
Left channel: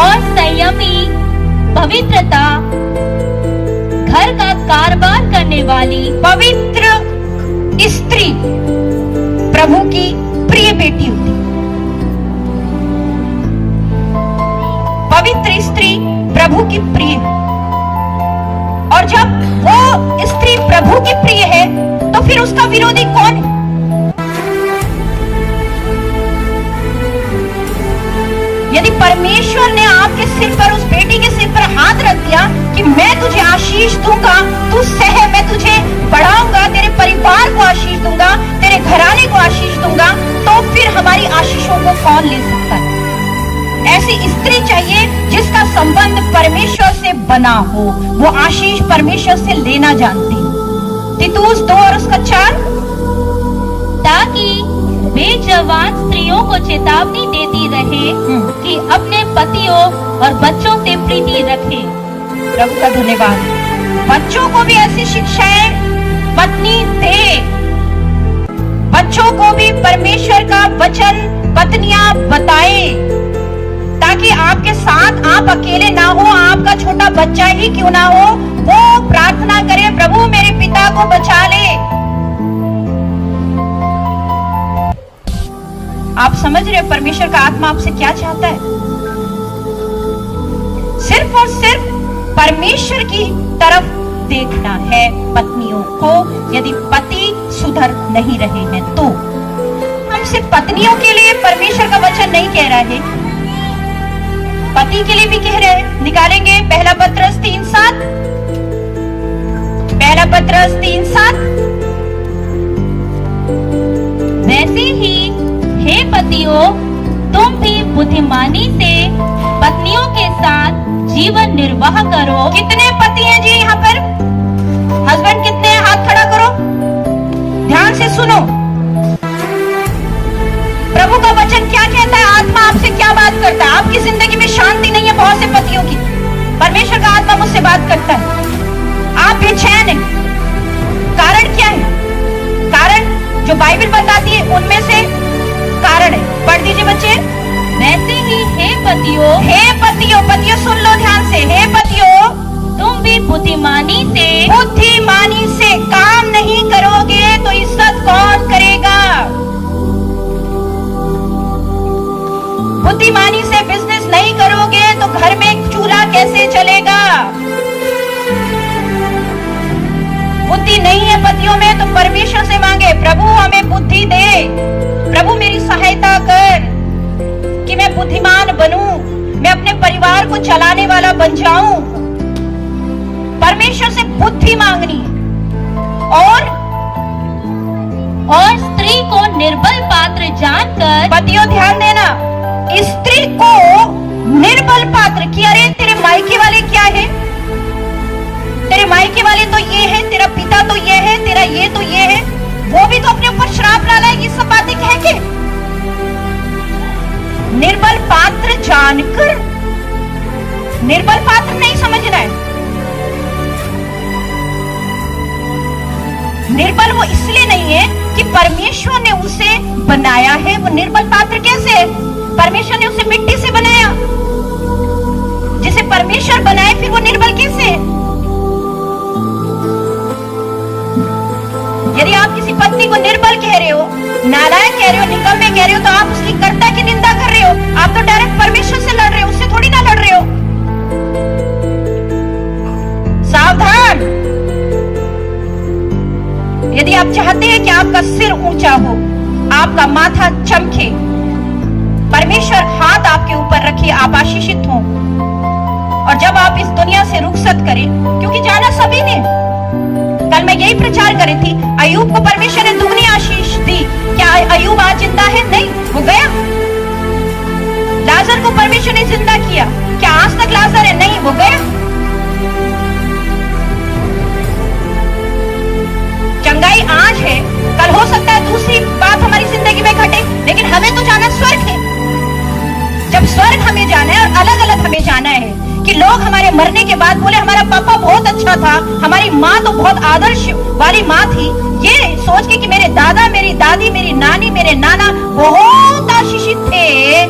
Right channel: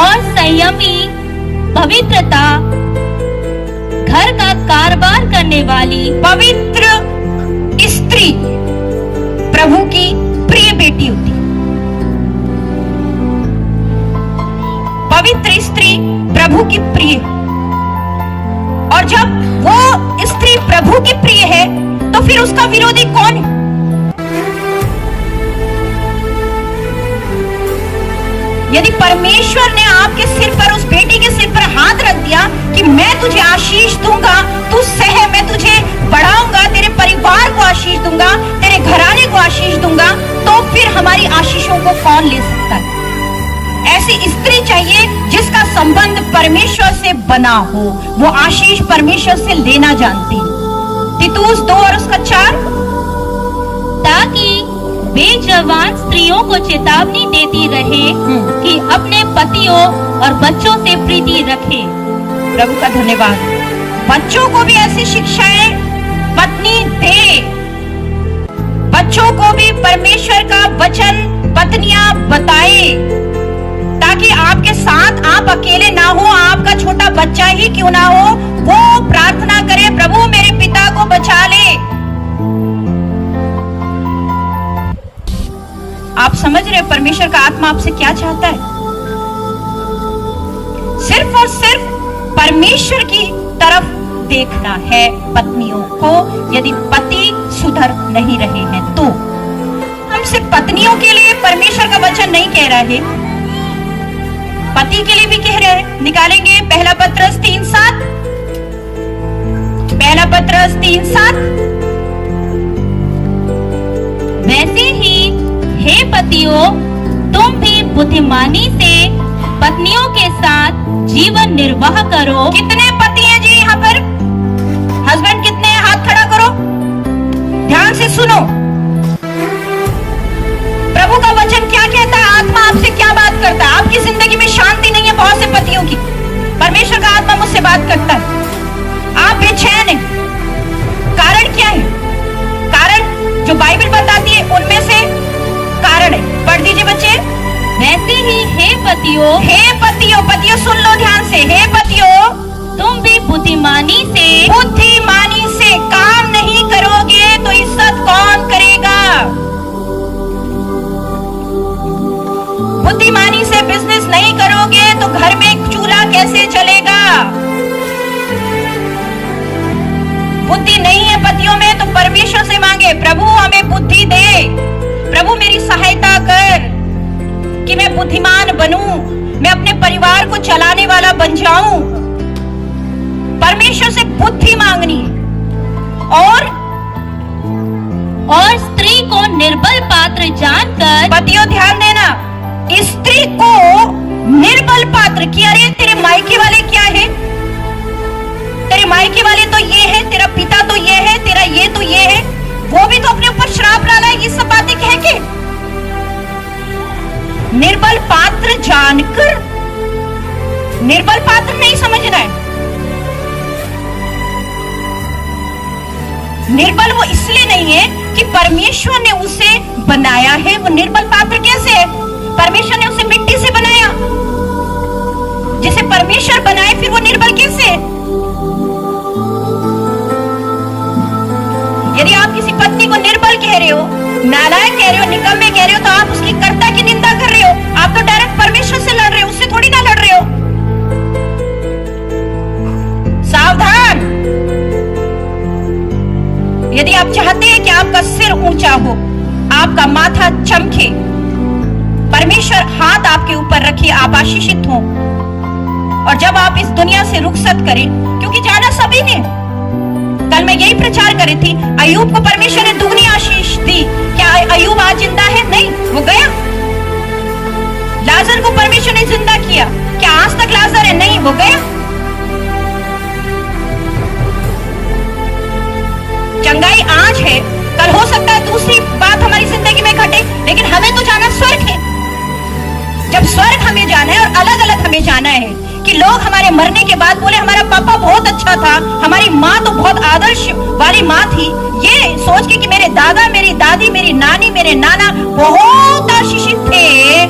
और संयमी, पवित्रता, घर का कारोबार करने वाली पवित्र स्त्री प्रभु की प्रिय बेटी होती है। पवित्र स्त्री प्रभु की प्रिय, और जब वो स्त्री प्रभु की प्रिय है तो फिर उसका विरोधी कौन है? यदि परमेश्वर ने आपके सिर पर, उस बेटी के सिर पर हाथ रख दिया कि मैं तुझे आशीष दूंगा, तू सह, मैं तुझे बढ़ाऊंगा, तेरे परिवार को आशीष दूंगा, तेरे घराने को आशीष दूंगा, तो फिर हमारी आशीषों को कौन ले सकता है? ऐसी स्त्री चाहिए जिसका संबंध परमेश्वर से बना हो, वो आशीष परमेश्वर से लेना जानती है। तीतुस 2 और उसका 4। ताकि बेजवान स्त्रियों को चेतावनी देती रहे कि अपने पतियों और बच्चों से प्रीति रखें। प्रभु का धन्यवाद। बच्चों को भी ऐसी शिक्षाएं पत्नी दे, बच्चों को भी परमेश्वर का वचन पत्नियां बताए, ताकि आपके साथ आप अकेले ना हो, आपका छोटा बच्चा ही क्यों ना हो, वो प्रार्थना करे, प्रभु मेरे समझ रहे परमेश्वर का आत्मा आपसे क्या चाहता है? सिर्फ और सिर्फ परमेश्वर की तरफ देखना है पत्नियों को, यदि पति सुधर नहीं रहे हैं तो। हम सिर्फ पत्नियों के लिए परमेश्वर का वचन नहीं कह रहे, पति के लिए भी कह रहे हैं। निकालेंगे पहला पत्रस 3:7, पहला पत्रस 3:7। वैसे ही हे पतियों, तुम भी बुद्धिमानी से पत्नियों के साथ जीवन निर्वाह करो। कितने पति हैं जी यहाँ पर? हस्बैंड कितने हैं? हाथ खड़ा करो, ध्यान से सुनो। प्रभु का वचन क्या कहता है? आत्मा आपसे क्या बात करता है? आपकी जिंदगी में शांति नहीं है बहुत से पतियों की, परमेश्वर का आत्मा मुझसे बात करता है, आप बेचैन हैं। कारण क्या है? कारण जो बाइबल बताती है उनमें से कारण है, पढ़ दीजिए बच्चे। वैसे ही हे पतियों, पतियों सुन लो ध्यान से। हे पतियों, तुम भी बुद्धिमानी से काम नहीं करोगे तो इज्जत कौन करेगा? बुद्धिमानी से बिजनेस नहीं करोगे तो घर में चूल्हा कैसे चलेगा? बुद्धि नहीं है पतियों में तो परमेश्वर से मांगे, प्रभु हमें बुद्धि दे, प्रभु मेरी सहायता कर कि मैं बुद्धिमान बनूं, मैं अपने परिवार को चलाने वाला बन जाऊं। परमेश्वर से बुद्धि मांगनी है। और स्त्री को निर्बल पात्र जानकर, पतियों ध्यान देना, स्त्री को निर्बल पात्र कि अरे तेरे मायके वाले क्या है, तेरे मायके वाले तो ये है, तेरा पिता तो ये है, तेरा ये तो ये है, वो भी तो अपने ऊपर श्राप डाला है, ये सब बातें कह के। निर्बल पात्र जानकर, निर्बल पात्र नहीं समझना है। निर्बल वो इसलिए नहीं है कि परमेश्वर ने उसे बनाया है, वो निर्बल पात्र कैसे है? परमेश्वर ने उसे मिट्टी से बनाया, जिसे परमेश्वर बनाए फिर वो निर्बल कैसे है? यदि आप किसी पत्नी को निर्बल कह रहे हो, नालायक कह रहे हो, निकम्मे कह रहे हो, तो आप उसकी कर्ता की निंदा कर रहे हो। आप तो डायरेक्ट परमेश्वर से लड़ रहे हो, उससे थोड़ी ना लड़ रहे हो। सावधान। यदि आप चाहते हैं कि आपका सिर ऊंचा हो, आपका माथा चमके, परमेश्वर हाथ आपके ऊपर रखे, आप आशीषित हो, और जब आप इस दुनिया से रुखसत करें, क्योंकि जाना सभी ने, कल मैं यही प्रचार करी थी, अय्यूब को परमेश्वर ने दुगनी आशीष दी। क्या अय्यूब आज जिंदा है? नहीं, वो गया। लाजर को परमेश्वर ने जिंदा किया, क्या आज तक लाजर है? नहीं, वो गया। चंगाई आज है, कल हो सकता है दूसरी बात हमारी जिंदगी में घटे, लेकिन हमें तो जाना स्वर्ग है। जब स्वर्ग हमें जाना है और अलग अलग हमें जाना है कि लोग हमारे मरने के बाद बोले हमारा पापा बहुत अच्छा था, हमारी माँ तो बहुत आदर्श वाली माँ थी, ये सोच के कि मेरे दादा, मेरी दादी, मेरी नानी, मेरे नाना बहुत आशीषित थे,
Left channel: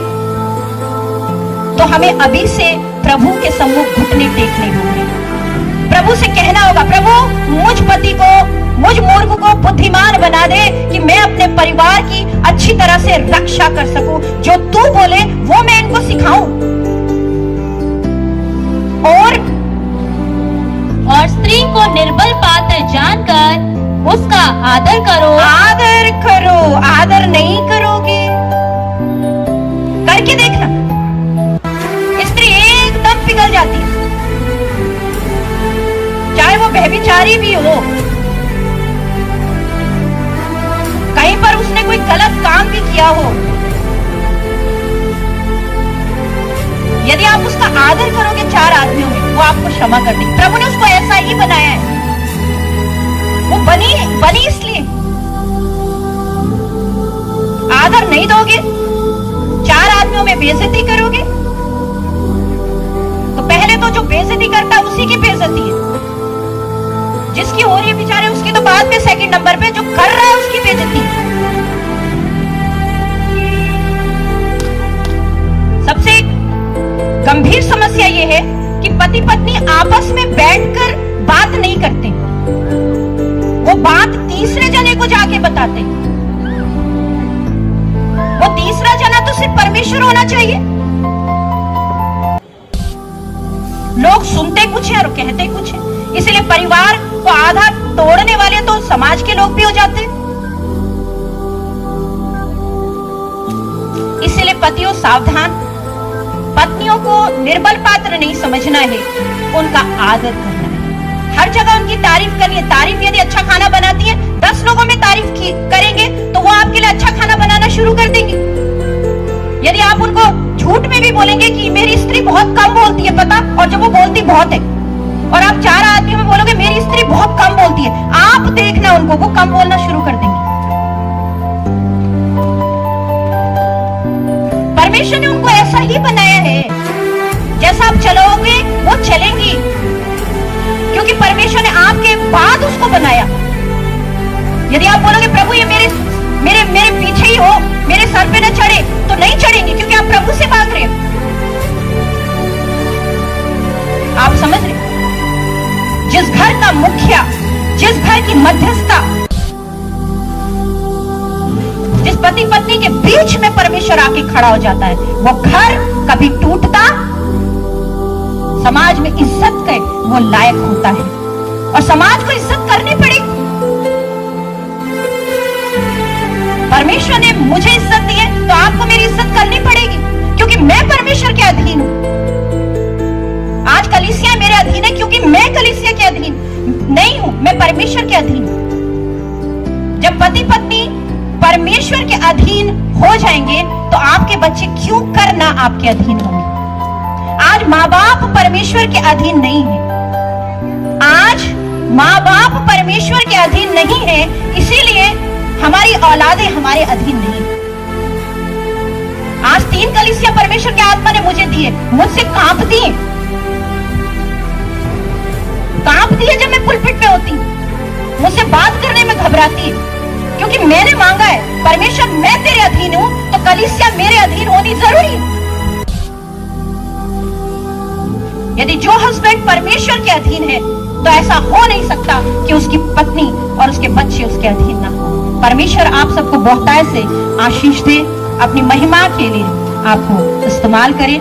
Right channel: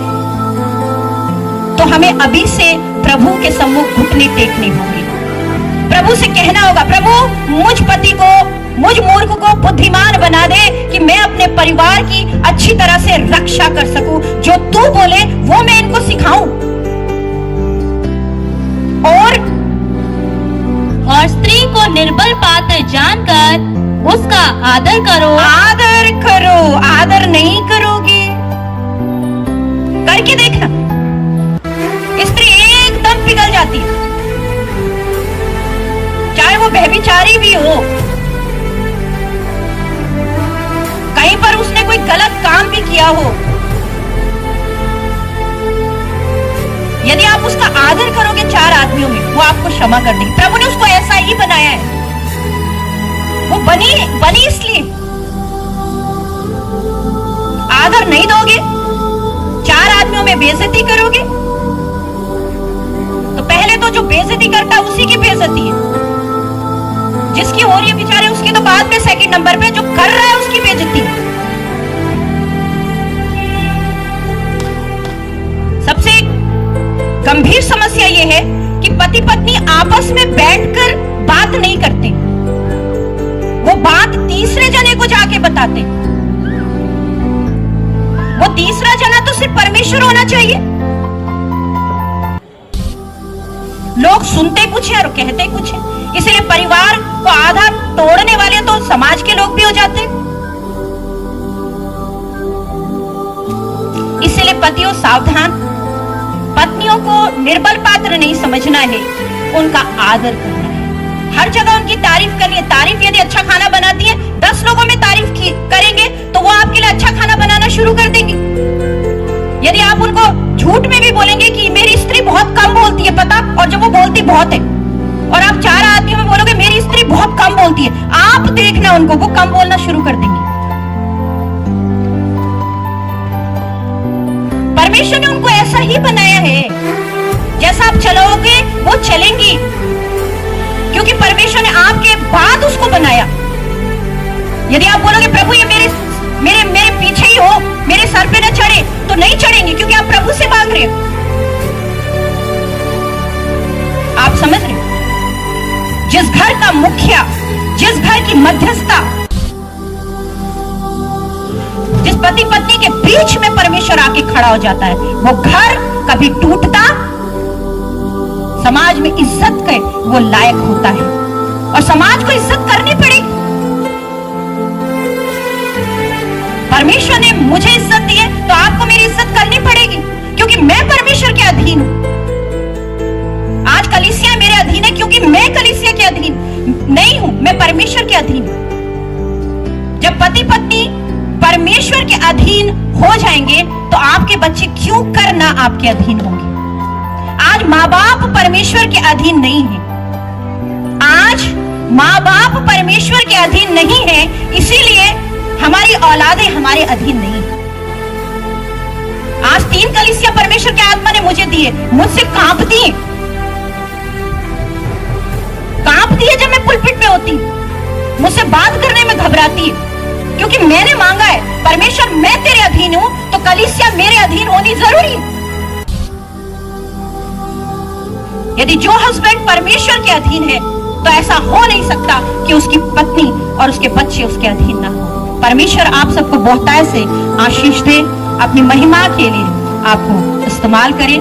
तो हमें अभी से प्रभु के सम्मुख घुटने टेकने होंगे। प्रभु से कहना होगा, प्रभु मुझ पति को, मुझ मूर्ख को बुद्धिमान बना दे कि मैं अपने परिवार की अच्छी तरह से रक्षा कर सकूं, जो तू बोले वो मैं इनको सिखाऊं। और स्त्री को निर्बल पात्र जानकर उसका आदर करो। आदर करो, आदर नहीं करोगे, करके देखना, स्त्री एकदम पिघल जाती है, चाहे वो व्यभिचारी भी हो, कहीं पर उसने कोई गलत काम भी किया हो, यदि आप उसका आदर करोगे 4 आदमियों में, वो आपको क्षमा कर देगी। प्रभु ने उसको ऐसा ही बनाया है, वो बनी इसलिए। आदर नहीं दोगे, 4 आदमियों में बेइज्जती करोगे, तो पहले तो जो बेइज्जती करता है उसी की बेइज्जती है, जिसकी हो रही है बेचारे उसकी तो बाद में सेकंड नंबर पे, जो कर रहा है उसकी बेइज्जती है। सबसे गंभीर समस्या यह है कि पति पत्नी आपस में बैठकर बात नहीं करते, वो बात तीसरे जने को जाके बताते, वो तीसरा सिर्फ परमेश्वर होना चाहिए? लोग सुनते कुछ है और कहते कुछ है, इसलिए परिवार को आधा तोड़ने वाले तो समाज के लोग भी हो जाते हैं। इसलिए पतियों सावधान, पत्नियों को निर्बल पात्र नहीं समझना है, उनका आदर करना है, हर जगह उनकी तारीफ करनी है। तारीफ यदि अच्छा खाना बनाती है, 10 लोगों में तारीफ करेंगे तो वो आपके लिए अच्छा खाना बनाना शुरू कर देंगे। यदि आप उनको झूठ में भी बोलेंगे कि मेरी स्त्री बहुत कम बोलती है, पता, और जब वो बोलती बहुत है, और आप 4 आदमी में बोलोगे मेरी स्त्री बहुत कम बोलती है, आप देखना उनको, वो कम बोलना शुरू कर देंगे। परमेश्वर ने उनको ऐसा ही बनाया है, जैसा आप चलोगे वो चलेंगी, क्योंकि परमेश्वर ने आपके बाद उसको बनाया। यदि आप बोलोगे प्रभु ये मेरे पीछे ही हो, मेरे सर पे न चढ़े, तो नहीं चढ़ेंगे, क्योंकि आप प्रभु से मांग रहे हो। आप समझ रहे हो? जिस घर का मुखिया, जिस घर की मध्यस्थता, जिस पति पत्नी के बीच में परमेश्वर आके खड़ा हो जाता है, वो घर कभी टूटता, समाज में इज्जत के वो लायक होता है, और समाज को इज्जत करनी पड़ेगी। परमेश्वर ने मुझे इज्जत दी है तो आपको मेरी इज्जत करनी पड़ेगी, क्योंकि मैं परमेश्वर के अधीन हूं। आज कलीसिया मेरे अधीन है, क्योंकि मैं कलीसिया के अधीन नहीं हूं, मैं परमेश्वर के अधीन हूं। जब पति पत्नी परमेश्वर के अधीन हो जाएंगे तो आपके बच्चे क्यों करना आपके अधीन होंगे। आज माँ बाप परमेश्वर के अधीन नहीं है, आज माँ बाप परमेश्वर के अधीन नहीं है, इसीलिए हमारी औलादें हमारे अधीन नहीं। आज 3 कलीसिया परमेश्वर के आत्मा ने मुझे दिए, मुझसे कांपती है जब मैं पुलपिट में होती, मुझसे बात करने में घबराती है, क्योंकि मैंने मांगा है परमेश्वर मैं तेरे अधीन हूं, तो कलीसिया मेरे अधीन होनी जरूरी है। यदि जो हस्बैंड परमेश्वर के अधीन है तो ऐसा हो नहीं सकता कि उसकी पत्नी और उसके बच्चे उसके अधीन ना हो। परमेश्वर आप सबको बहुतायत से आशीष दे, अपनी महिमा के लिए आपको इस्तेमाल करे।